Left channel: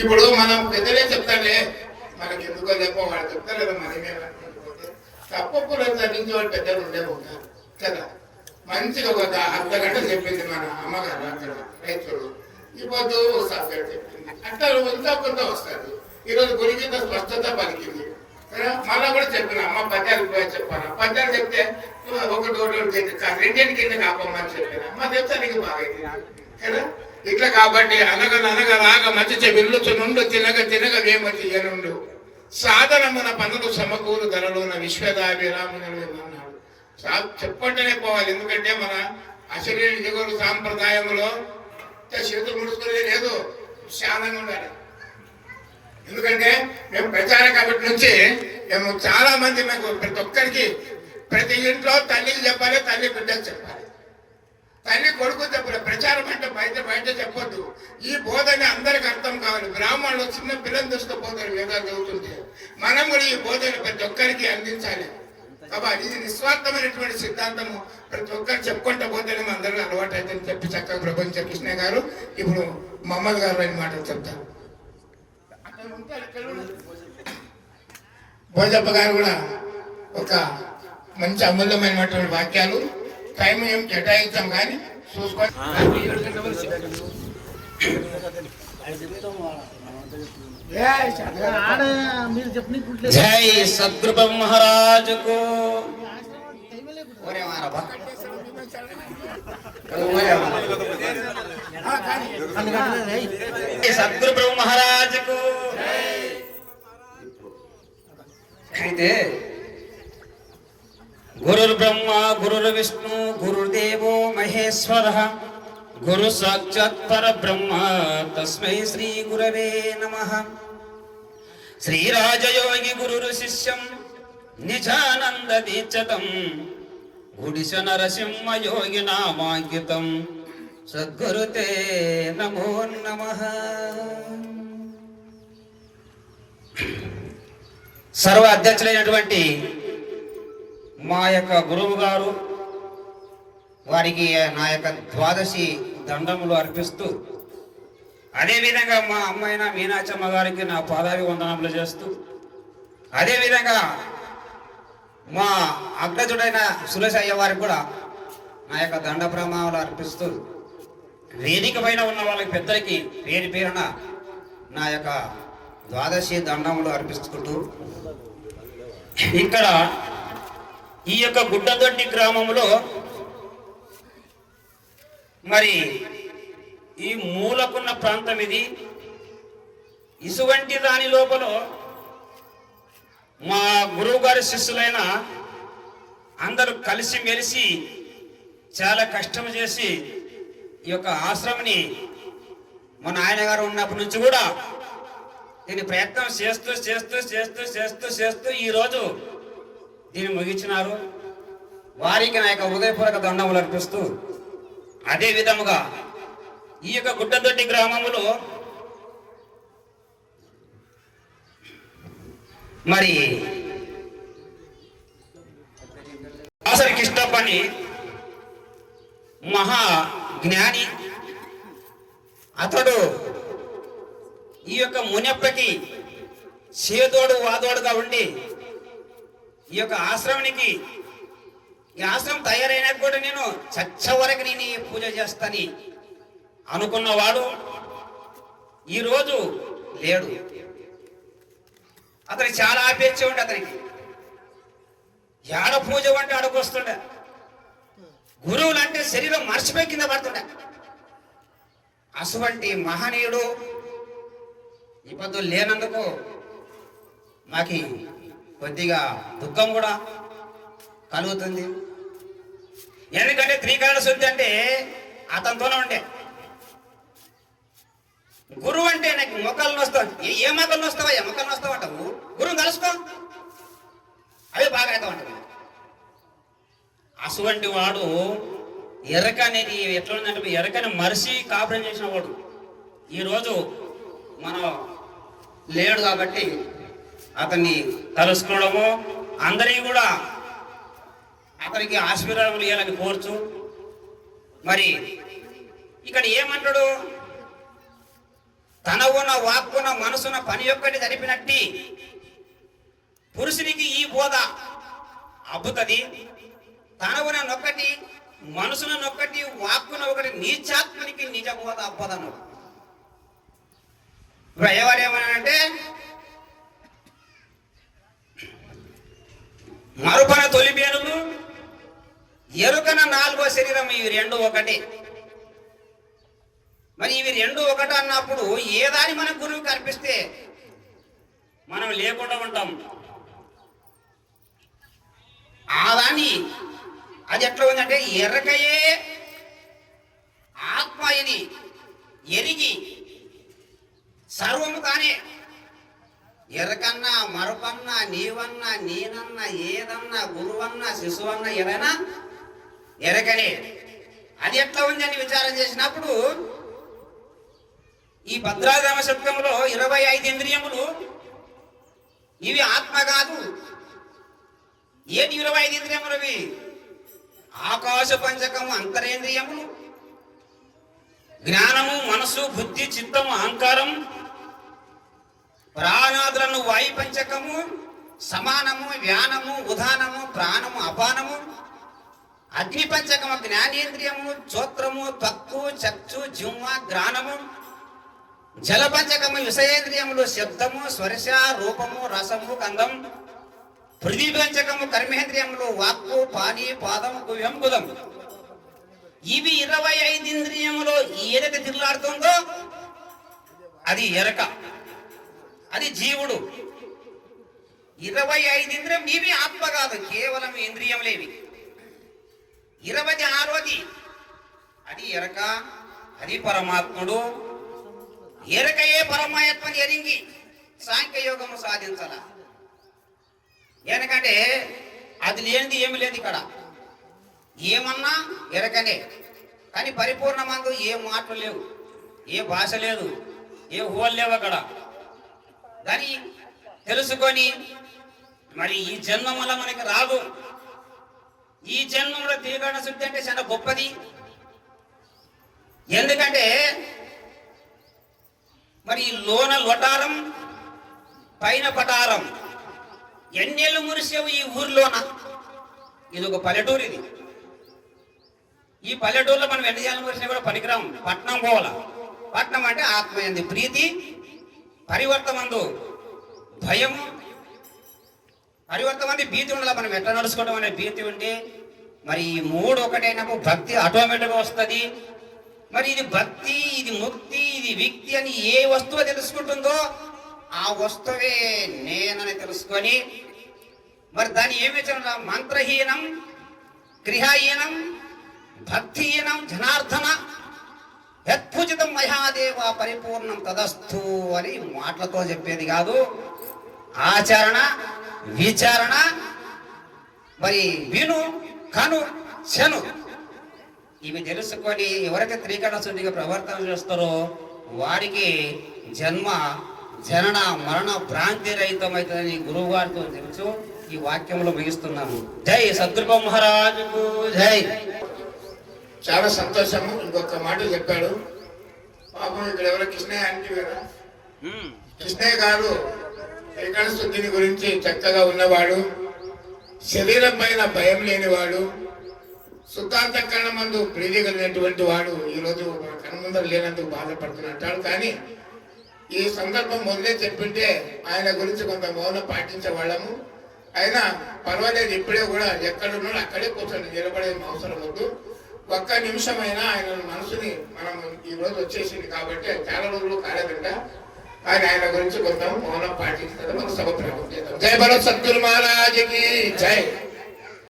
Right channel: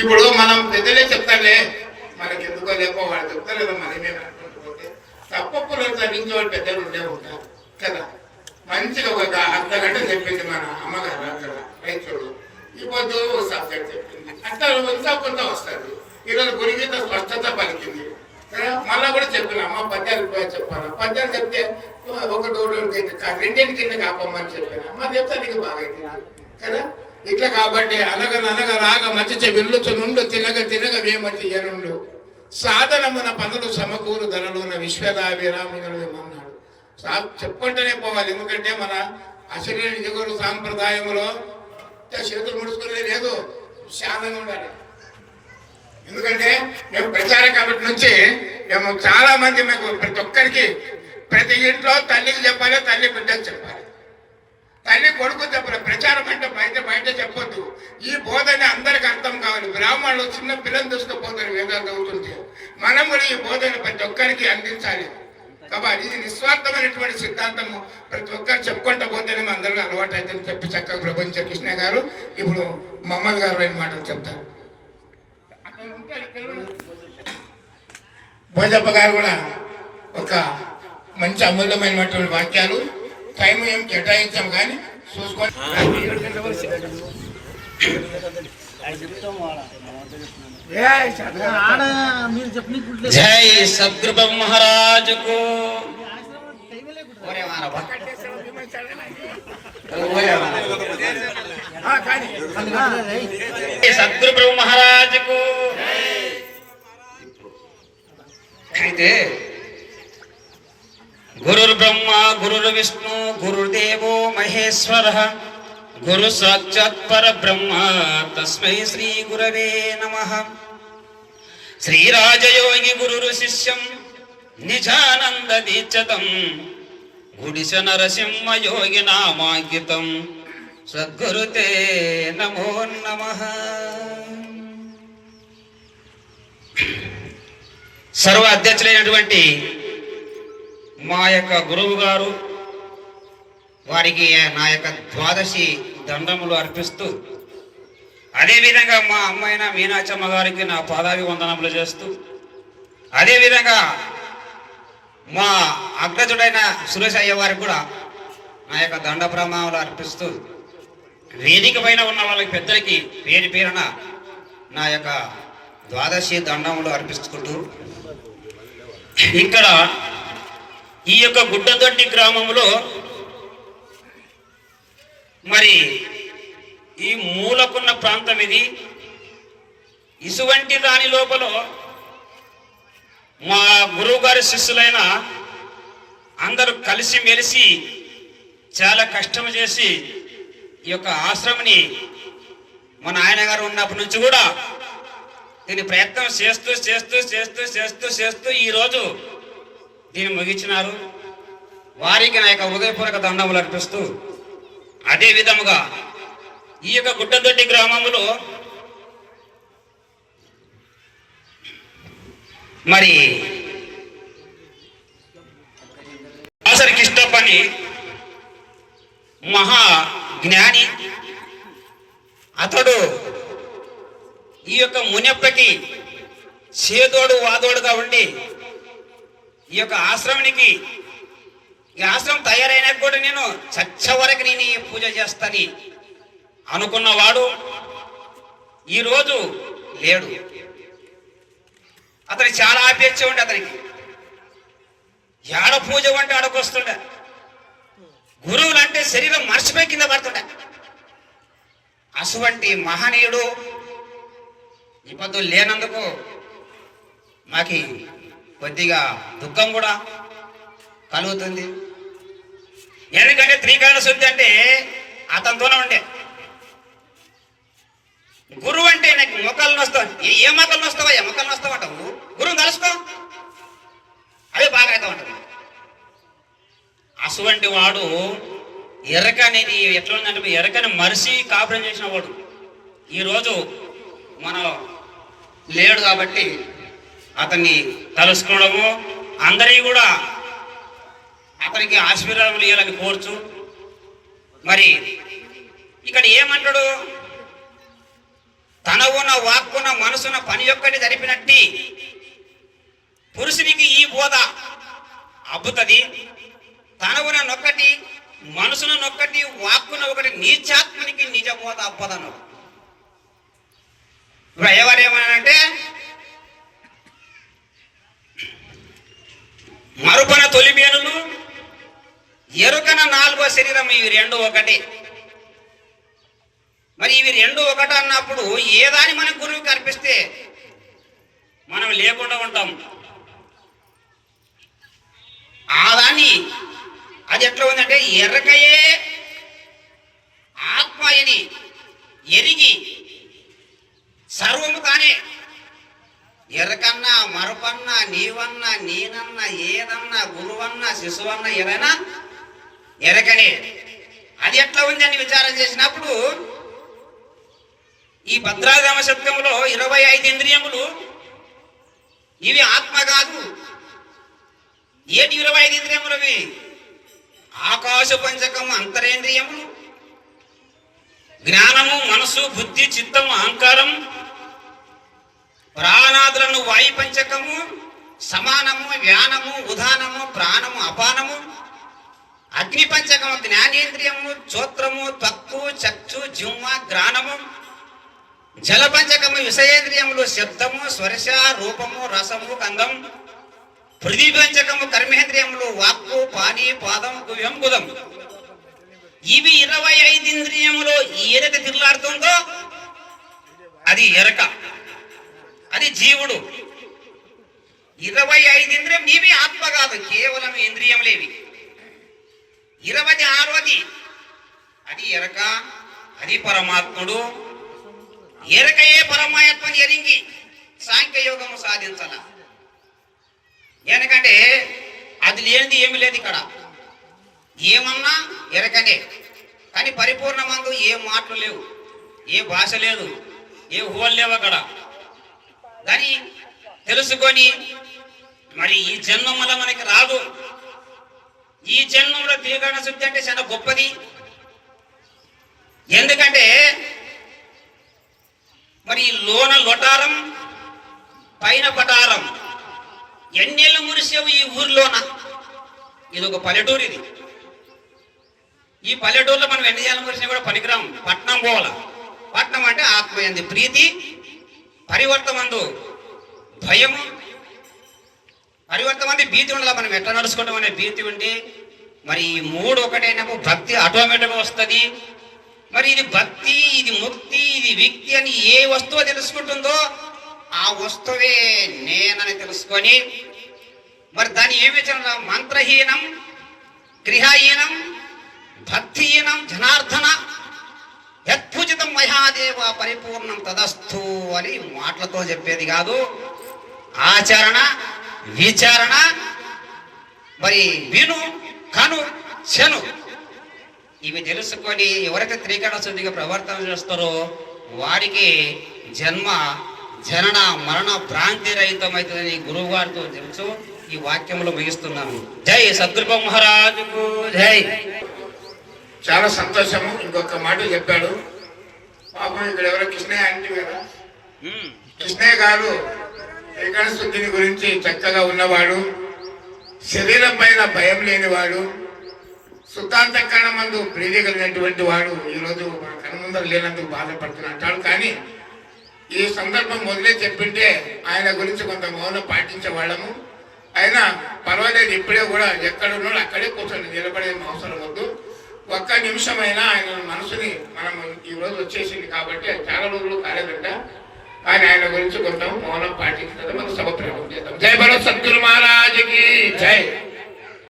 ఇప్పుడు మనం పెద్దలే చెప్తానే, మనకి ఎందుకో లేకో వాళ్ళు చెప్తారు కదా, మనమేమి అనుకుంటుపోతే తప్పప్పులో చదివించే వాళ్ళు పెద్దలు ఉండే ఉంటారు కదా. మంచిగా ఒక అర్ధ గంట చెప్పింది మన అమ్మగారు అక్కడ రైతులు, ఈ పొద్దు సబ్జెక్ట్ చెప్పింది అంటే ఇంకా కొంత వస్తుంది. ఈరోజు గురిగీత స్పష్టత పలికింది కదా. మళ్ళా కూడా చెప్పిన అమ్మ పద్యాలు కూడా చెప్పాను, పద్యాలు చెప్తే ఒకటి రెండింటి కింద కాపమ్మని చెప్పిన మా చెప్తే నీకు బాగా కదా. ఇట్లా కాబట్టి అనగననగ రాగ మధ్య వెళ్ళుచు నుండు తినగ తినగ వేమతి ఎనుండు సాధనమున పనులు సమకూరు ధనలున విశ్వదాభిరాములు ఏమన్నాడు. చెప్పుకుంటూనే పోవాలి, ఎందుకంటే మన అశరీర దిగురు సాంప్రదాయంలో చేతులు ముడుచుకునేది లేదు, శానంగా ఉండాలి. ఎందుకంటే మేము ప్రచార కమిటీ నుంచి మేము చాలా మంది మాకు ప్రతి ఒక్కరికి ప్రతి ఇంట్లో తల్లికి చెప్పాలి, తల్లి బిడ్డకు చెప్పాలి, తల్లి కొడుకు చెప్పాలి. ప్రచారం అంటే బయట బయట చెప్పొద్దు. ఈ బోధన అందరికి అర్థం కావాలి. బ్రాహ్మణులు చిన్న పిల్లలు తీసుకుపోతారు వేదాలు చదువుతుంటే, మనం కూడా ఈ బోధన ప్రతి ఒక్కరికి అందించాలి. కాబట్టి ఇది నిస్వార్థమైనటువంటి సిద్ధాంతము, ప్రతి ఒక్కరు చెప్పుకుంటూ పోతేనే అందరూ అలవాటు అయితే చెప్పి చక్కగా ప్రపంచ కృష్ణ గారు ఇప్పుడు మహమ్మద్ గారు అయిన మాటలు చెప్తారు. భోజప్ప గారు కూడా ఒక మంచి అమూల్యమైనటువంటి వాక్యాలు, టైం ఏం కేటాయించాం కానీ చూసుకొని జై సద్గురు మహారాజ్ కు సద్గురు మహారాజ్ కు. అయితే గురుర్ బ్రహ్మ గురుర్ విష్ణు గురుదేవో మహేశ్వర గురు సాక్షాత్ పరబ్రహ్మ తస్మై శ్రీ గురవే నమః. శ్రీరాజయోగి గురు శిష్యం నిజానంద దీక్షతం గుడిశ నరసింహ యోగి నామాంకితం సద్గురుతే నమో నమః. సర్వ అధ్యక్షులైనటువంటి మా యొక్క గురువు గారు వారికి నా యొక్క ద్వాదశి దండములు అర్పిస్తూ, అదేవిధంగా మా అమ్మాయిన మీనాచమ్మ గారికి నా పాదాభి వందనములు చేస్తూ, అదేవిధంగా మా అగ్రజుడైన సురేష్ అయ్య వారికి కూడా నా యొక్క దండ ప్రమాణాలు అర్పిస్తూ, వేదిక పైన ఉన్న వాళ్ళకి పెద్దలకి పేరు పేరున నా యొక్క ద్వాదశి దండములు అర్పిస్తుంటూ, ఇక్కడ ఈ యొక్క గుడ్డదొడ్డి గ్రామంలో మరి ఈ మూలకున్న ప్రాంతం ఇది. ఇసువంటి దాని లోపల మా గురువు గారి శిష్యులైన అందరూ కలిసి మెలిసి చాలా కష్టం చేసి ఈ యొక్క ఆశ్రమని మా నాయనగారు ఉన్నప్పటి నుంచి కూడా దీన్ని ప్రయత్నం చేస్తూ చేస్తూ చేస్తూ చేస్తూ చేస్తూ ఈరోజు దీన్ని ముగించినారు. వారికి నా యొక్క హృదయపూర్వక దండములు అర్పిస్తూ, అదే విధముగా ఈ యొక్క గుడ్డదొడ్డి గ్రామంలో మరి ఆసరి కిష్టప్పని మహా జ్ఞాని, అతడు ఈ యొక్క మునప్పకి చేదోడు వాదోడుగా ఉండి ఈ యొక్క ఆశ్రమానికి, ఈ ఆశ్రమం తయారైనా కూడా నేను చచ్చ వరకు నేను ఈ పూజ చేస్తాను అనుకున్నవాడు ఈరోజు లేడు. అతనికి చాలా అపేక్ష ఉండే, అతనికి ఏడ పూజ అంటే ఆడకొస్తుండే, గురువులు అంటే శరీరం మర్చిపోయి కింద పడుతుండే. అటువంటి మహనీయుడు ఇప్పుడు లేనందుకు మాకి కొద్దిగా దుఃఖం కూడా కలుగుతుంది. ఎందుకంటే త్రికాల శుద్ధి అంటే అతనితోనే ఉండే. గురువు అంటే నాకు మొక్కలు వస్తావు, ఏ మొక్కలు వస్తావా, ఏ మొక్కలు వస్తావంటావు, గురువు కలుసుకో, అవి బాగా అవుతా ఉంటుంది. అటువంటి వాడు ఎరక అనేది ఎట్లా ఉందంటే ఎరకని మరిసి కాపురం చేసిన వాడు ఈరోజు మనం లేడు. కాబట్టి అతన్ని కలుసుకోవడము, అందరినీ కూడా అతనికి ఆశీర్వాదం ఇవ్వాలని కోరుచు. మరి ఇక్కడ ఏమంటాడు, తనవున వాక్కున మనసున పని ఒక్కటి జరిపినట్టి పురుషునికి ఈ బోధ అబ్బుతుంది. తనవున నొక్కటి మనసున నొక్కటి వాక్కున ఒకటి నీచాత్మనికి నిజ బోధ అబ్బదను. ఇప్పుడు ఎవరేమనంటే మరుపన తొలిబేనులు ఎరుకన నాలుగో శరీరం ఇవి రెండు ఒకటి. మరి ఇవి రెండు ఒకటి అన్నప్పుడు ఏ దాని మన గురువుకి అర్పిస్తే మనం లేకుండా ఉంటాం. ఆ దాన్ని అది ఎట్లా ఉందంటే ఎరకయే ఆత్మయని ఎరిగి సర్వము తానే. ఎరకన్నా మరపన్నా నీవన్నా నేనన్నా ఏదన్నా గురువన్నా శిశువన్నా ఏదైనా ఎరకనే. అది ఎట్లా ఉందని విచారం చేసినప్పుడు ఈ భద్రాగమ శతకంలో 25 ఇంద్రియములు ఇవి ఆత్మ కాదు. ఏటి 25 ఇంద్రియములు? ఇవి ఆకాశ పంచకము అంతరేంద్రియములు, జ్ఞానము మనసు బుద్ధి చిత్తము అహంకారం, ప్రాణాదులను వాయు పంచకము, సమానము వ్యానము ఉదానము ప్రాణము అపానము, అగ్ని పంచకము జ్ఞానేంద్రియము చోత్రము త్వక్కు చక్షు జిహ్వ గ్రాణము, జల పంచకము విషయేంద్రియములు శబ్దము స్పర్శ రూపము రసము గంధం, పృథ్వీ పంచకము కర్మేంద్రియములు వాక్కు పాని పాదం గువ్యం గుదం. ఇవి 25 ఇంద్రియములో ఏదైతే తిరుగులాడుతుందో అది ఎరక, అది జీవుడు. 25 ఇంద్రియం ఇవి ఆత్మ కాదు, కేవలం ఇంద్రియములేవి. 26ది అది ఎరక, అది పరమాత్ముడు. ఎరకయే పరమాత్మని ఎరింగి సాంఖ్యయోగము సాధించాల. ఎందుకంటే అది లేనిది ఏమి లేదు ఇక్కడ. ఏమన్నా ఎరకనే, కానీ పరిపూర్ణమందు ఏ మాటలు లేవు, ఏ భాష లేదు, ఏ ఊహలు లేవు అక్కడ. దాన్ని తెలుసుకొని మరి ఈ జన్మం వల్ల మనకి రాదు. ఈ జన్మంలో త్రికరణ శుద్ధి అంటే చాలా గొప్పది. ఎందుకంటే మరి లోన లొటారం పైన పటారం. ఎన్నేళ్ళు మురిసేవు ఈ ఊర్లోన. ఇది ఒక పల్లెటూరు. ఇది ఈ పల్లెటూరులో మనం ఎన్ని ఏళ్ళు మురిసినా కూడా పనికిరాం. పట్నం పోవాల. పట్నం అంటే ఆత్మ ఎందు ప్రీతి, పరివర్తమందు భయము, పరివర్తమంది భీతి ఉండాలి. మనం ఎట్లా నడుచుకోవడం అనే భీతి ఉంటే మరి ఈ మూడు ఒకటైనప్పుడు భక్తి ఆటోమేటిక్గా వస్తుంది. మరి ఇది భక్తి, ఇది ముక్తి, ఇది విక్తి అని ఏ వస్తువు తెలుసుకుంటుందో ఆ వస్తువే నేనని తెలుసుకొని మరి దాన్ని ఏమి చెప్పాలి? మంత్రహీనం గృహహీనం భక్తిహీనం జనార్దన యత్పూజితం మహాదేవ పరిపూర్ణం తదస్థు అని మాటలతో చెప్పేది కాదు. ఆచరణ విచారణ మరి విను కను శను ఇవి తెలుసుకొని ఎవరైతే త్రికరణ శుద్ధిగా ప్రవర్తన చేస్తారో వారికి జన్మ జనన మరణ భ్రాంతి రహితమైతుందని గురువు గారితో తెలుసు. ఈ వాక్యంలో ముగిస్తున్నాను. జై సద్గురు మహారాజుకు జై. చాలా సంతోషము. ఇంకొక మాట చెప్పాడు పాపం. ఇక్కడ ఎవరో కృష్ణయ్య అంటే కదా, కృష్ణయ్య గారు త్రికరణ శుద్ధిని గురించి చక్కగా ఉన్నవాడు, శరీరం పైన భయం లేనివాడు, సుతాంతకరణ మందు ప్రీతి కలిగినటువంటి వాడు. ఈరోజు మన కనుముందర లేనందుకు బాధపడుతున్నట్టాడు. కానీ ఈ సందర్భం మొదలే చెప్పింటే ఆయన గురించి కొంత మౌనం పాటించే వాళ్ళము. అయినా పర్వాలేదు, ఇప్పుడే కూడా ఎక్కడున్నాడు అక్కడే కూర్చొని నిలబడే అవసరం వద్దు. ఒక్క నిమిషమైనా ఆయన మనసుని మనం ఈరోజు వచ్చేసింది కాబట్టి చాలా రోజులు కాలేదంట. కానీ ఆయన గురించి కొంత మౌనం పాటించడం మనం సభ ప్రారంభం చేద్దాం. జై భరత్ సద్గురు మహారాజుకి జై.